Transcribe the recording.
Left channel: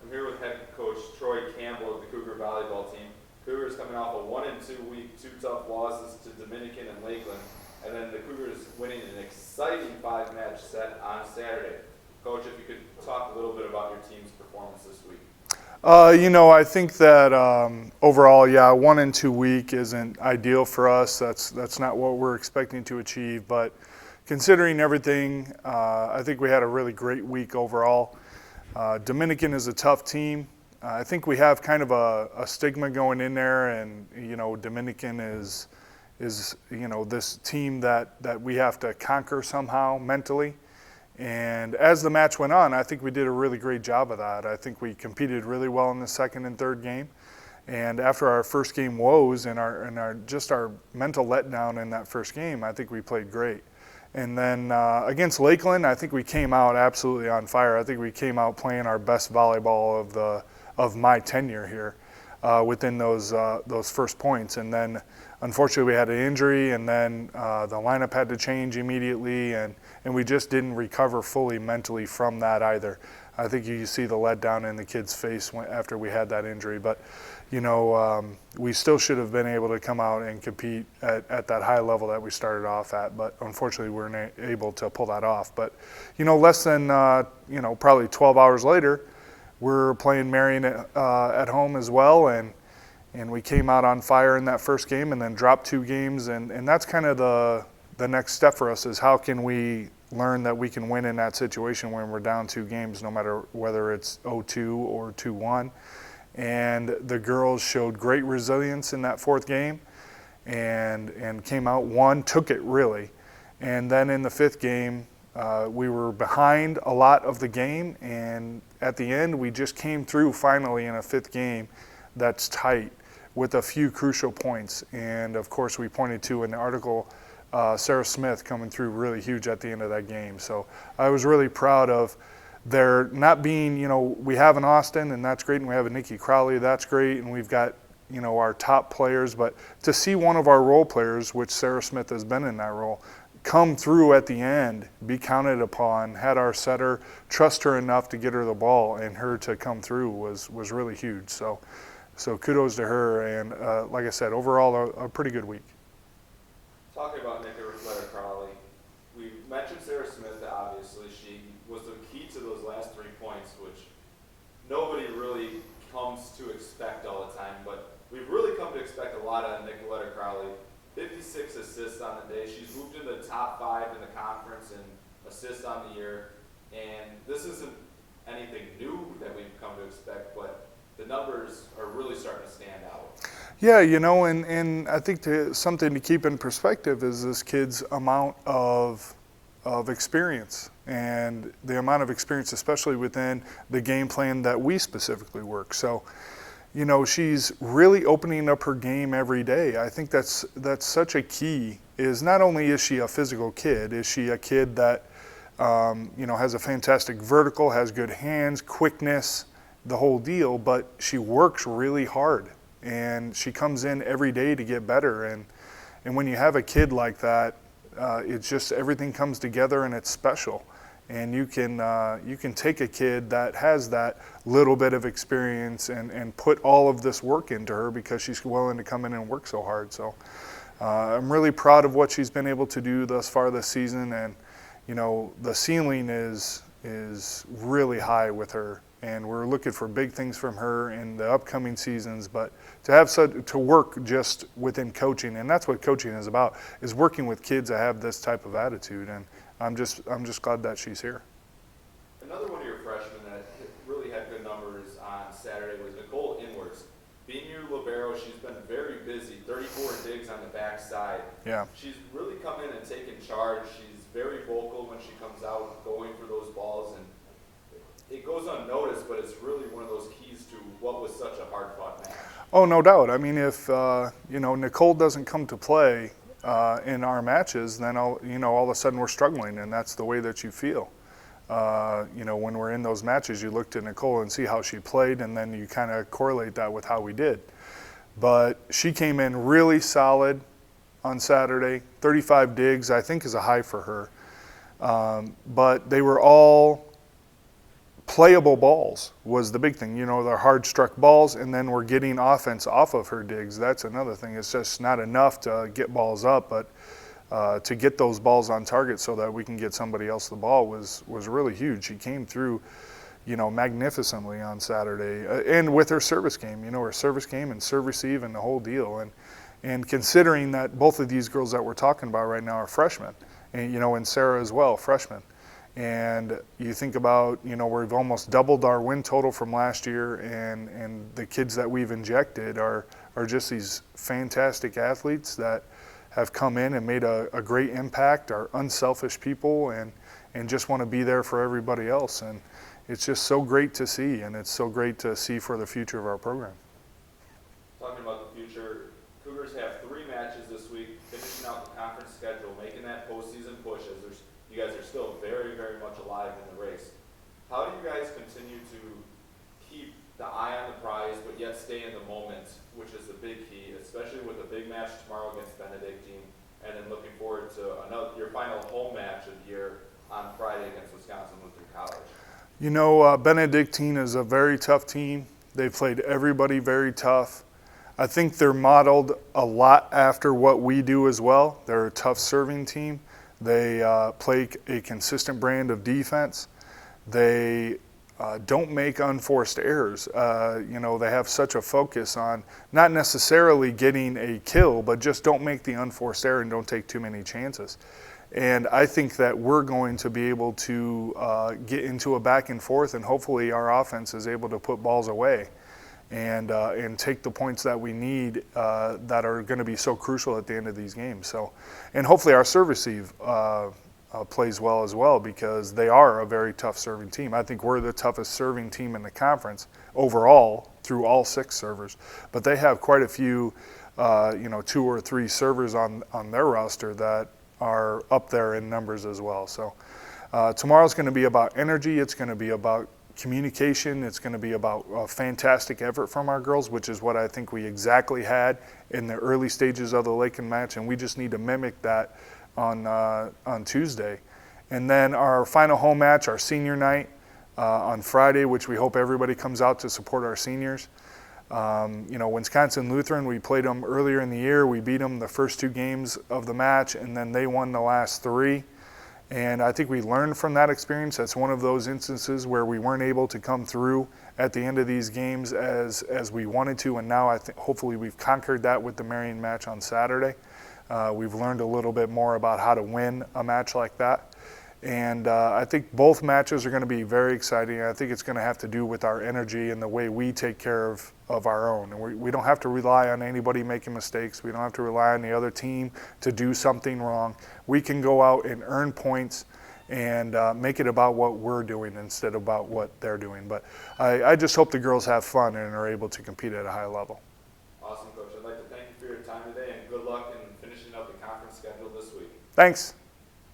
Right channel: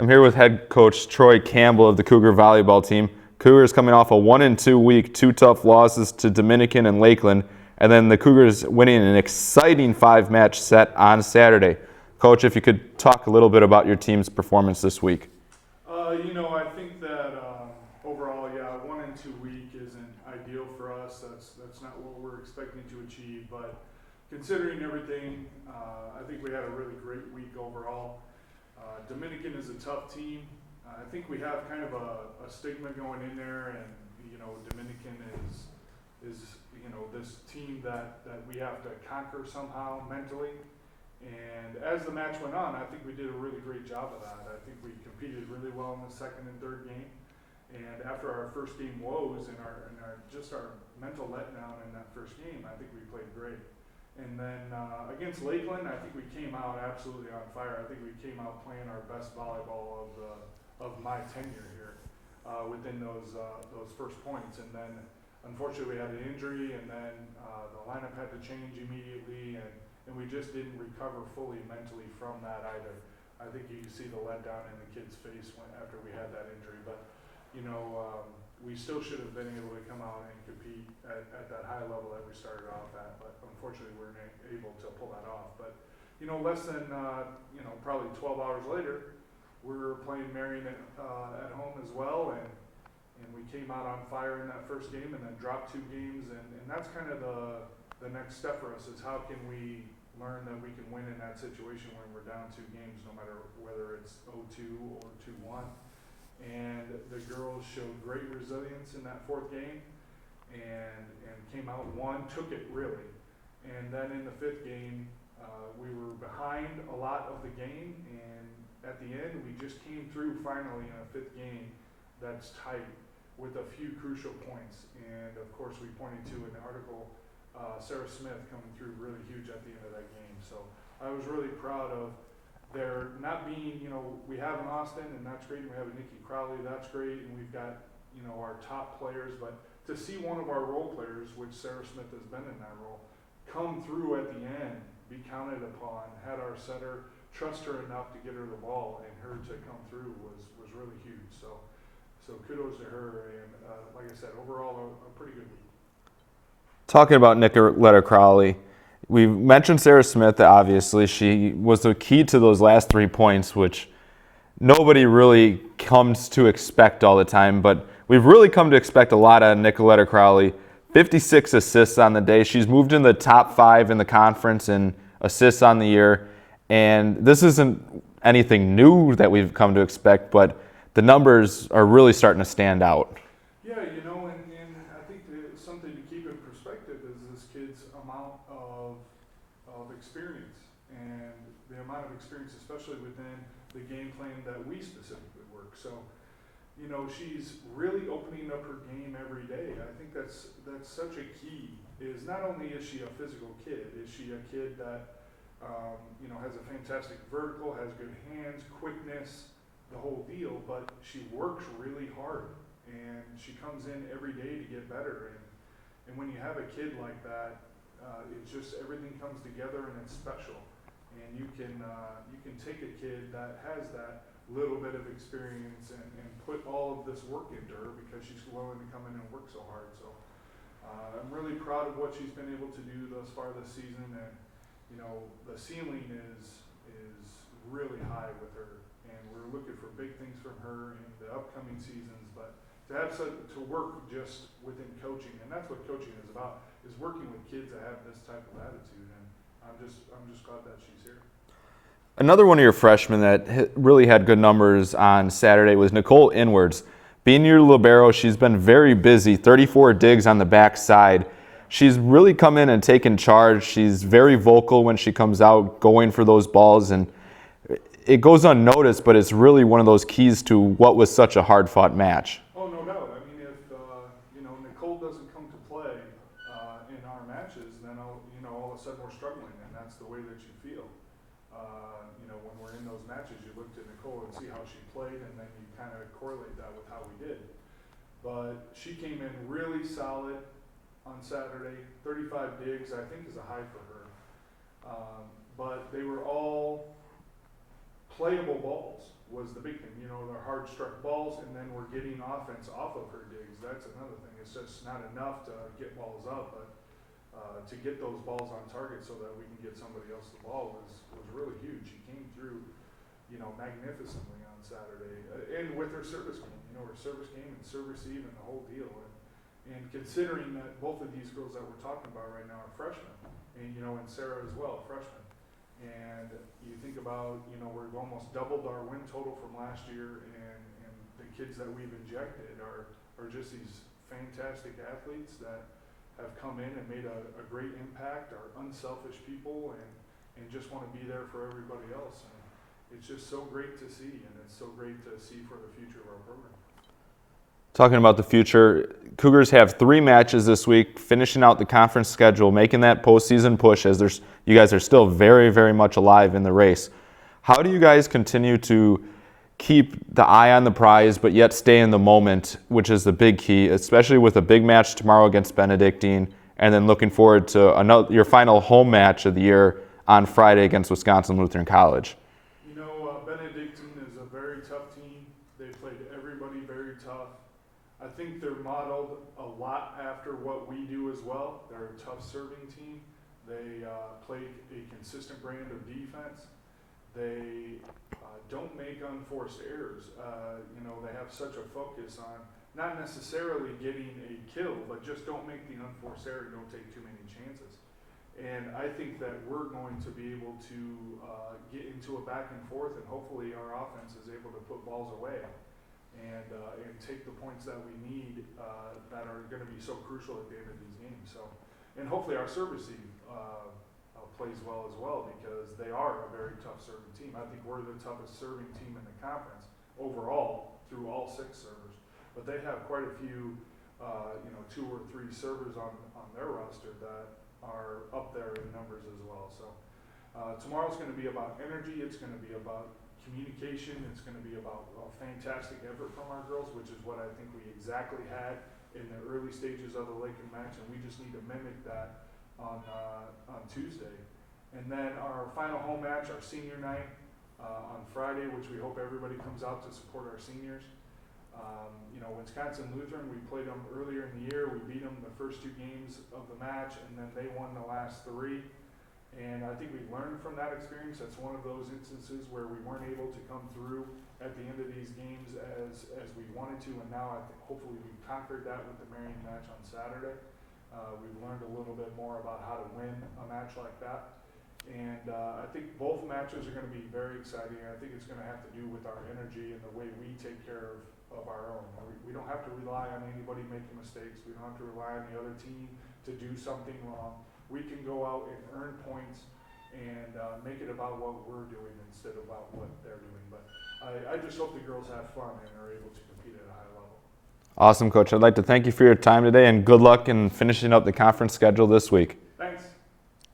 I'm here with head coach Troy Campbell of the Cougar volleyball team. Cougars coming off a 1-2 week, 2 tough losses to Dominican and Lakeland, and then the Cougars winning an exciting 5-match set on Saturday. Coach, if you could talk a little bit about your team's performance this week. I think that overall, 1-2 week isn't ideal for us. That's not what we're expecting to achieve. But considering everything, I think we had a really great week overall. Dominican is a tough team. I think we have kind of a stigma going in there, and Dominican is this team that we have to conquer somehow mentally. And as the match went on, I think we did a really great job of that. I think we competed really well in the second and third game. And after our first game woes and our mental letdown in that first game, I think we played great. And then against Lakeland, I think we came out absolutely on fire. I think we came out playing our best volleyball of my tenure here within those first points. And then unfortunately we had an injury, and then the lineup had to change immediately, and we just didn't recover fully mentally from that either. I think you see the letdown in the kid's face after we had that injury. But we still should have been able to come out and compete at that high level that we started off at, but unfortunately we weren't able to pull that off. But less than probably 12 hours later, we're playing Marion at home as well, and we came out on fire in that first game and then dropped 2 games, and that's kind of the next step for us, is how can we learn that we can win in that situation when we're down 2 games, no matter whether it's 0-2 or 2-1. And the girls showed great resilience in that 4th game and came out, took it really. And then in the 5th game, we were behind a lot of the game, and at the end we just came through finally in a 5th game that's tight with a few crucial points. And of course we pointed to in the article Sarah Smith coming through really huge at the end of that game. So I was really proud of there not being, we have an Austin, and that's great, and we have a Nikki Crowley, that's great, and we've got our top players, but to see one of our role players, which Sarah Smith has been in that role, come through at the end, be counted upon, had our setter trust her enough to get her the ball, and her to come through was really huge. So kudos to her, and like I said, overall a pretty good week. Talking about Nicoletta Crowley, we mentioned Sarah Smith, obviously. She was the key to those last 3 points, which nobody really comes to expect all the time, but we've really come to expect a lot of Nicoletta Crowley. 56 assists on the day. She's moved in the top 5 in the conference in assists on the year, and this isn't anything new that we've come to expect, but the numbers are really starting to stand out. Yeah, and I think something to keep in perspective is this kid's amount of experience, and the amount of experience, especially within the game plan that we specifically work. So, she's really opening up her game every day. I think that's such a key, is not only is she a physical kid, is she a kid that, has a fantastic vertical, has good hands, quickness, the whole deal, but she works really hard. And she comes in every day to get better, and when you have a kid like that, it's just everything comes together and it's special. And you can take a kid that has that little bit of experience and put all of this work into her because she's willing to come in and work so hard. So I'm really proud of what she's been able to do thus far this season, and the ceiling is really high with her, and we're looking for big things from her in the upcoming seasons. But to work just within coaching, and that's what coaching is about, is working with kids that have this type of attitude, and I'm just glad that she's here. Another one of your freshmen that really had good numbers on Saturday was Nicole Inwards. Being your libero, she's been very busy, 34 digs on the backside. Yeah. She's really come in and taken charge. She's very vocal when she comes out, going for those balls, and it goes unnoticed, but it's really one of those keys to what was such a hard-fought match. Oh, no doubt. I mean, if Nicole doesn't come to play in our matches, then all of a sudden we're struggling, and that's the way that you feel. When we're in those matches, you look to Nicole and see how she played, and then you kind of correlate that with how we did. But she came in really solid on Saturday. 35 digs, I think, is a high for her. But they were all playable balls was the big thing. You know, the hard struck balls, and then we're getting offense off of her digs. That's another thing. It's just not enough to get balls up, but to get those balls on target so that we can get somebody else the ball was really huge. She came through, you know, magnificently on Saturday, and with her service game. You know, her service game and serve receive and the whole deal. And considering that both of these girls that we're talking about right now are freshmen, and you know, and Sarah as well, freshman. And you think about, you know, we've almost doubled our win total from last year, and the kids that we've injected are just these fantastic athletes that have come in and made a great impact, are unselfish people, and just want to be there for everybody else. And it's just so great to see, and it's so great to see for the future of our program. Talking about the future, Cougars have 3 matches this week, finishing out the conference schedule, making that postseason push as you guys are still very, very much alive in the race. How do you guys continue to keep the eye on the prize, but yet stay in the moment, which is the big key, especially with a big match tomorrow against Benedictine, and then looking forward to your final home match of the year on Friday against Wisconsin Lutheran College? You know, Benedictine is a very tough team. They've played everybody very tough. I think they're modeled a lot after what we do as well. They're a tough serving team. They play a consistent brand of defense. They don't make unforced errors. You know, they have such a focus on not necessarily getting a kill, but just don't make the unforced error and don't take too many chances. And I think that we're going to be able to get into a back and forth, and hopefully our offense is able to put balls away and take the points that we need that are going to be so crucial at the end of these games. So, and hopefully our serve receive plays well as well, because they are a very tough serving team. I think we're the toughest serving team in the conference overall through all 6 servers, but they have quite a few, 2 or 3 servers on their roster that are up there in numbers as well. So tomorrow's going to be about energy. It's going to be about communication. It's going to be about a fantastic effort from our girls, which is what I think we exactly had in the early stages of the Lakin match, and we just need to mimic that on Tuesday. And then our final home match, our senior night on Friday, which we hope everybody comes out to support our seniors. Wisconsin Lutheran, we played them earlier in the year. We beat them the first 2 games of the match, and then they won the last 3. And I think we learned from that experience. That's one of those instances where we weren't able to come through at the end of these games as we wanted to, and now I think hopefully we've conquered that with the Marion match on Saturday. We've learned a little bit more about how to win a match like that. And I think both matches are going to be very exciting. I think it's going to have to do with our energy and the way we take care of our own. And we don't have to rely on anybody making mistakes. We don't have to rely on the other team to do something wrong. We can go out and earn points and make it about what we're doing instead of about what they're doing. But I just hope the girls have fun and are able to compete at a high level. Awesome, Coach. I'd like to thank you for your time today, and good luck in finishing up the conference schedule this week. Thanks.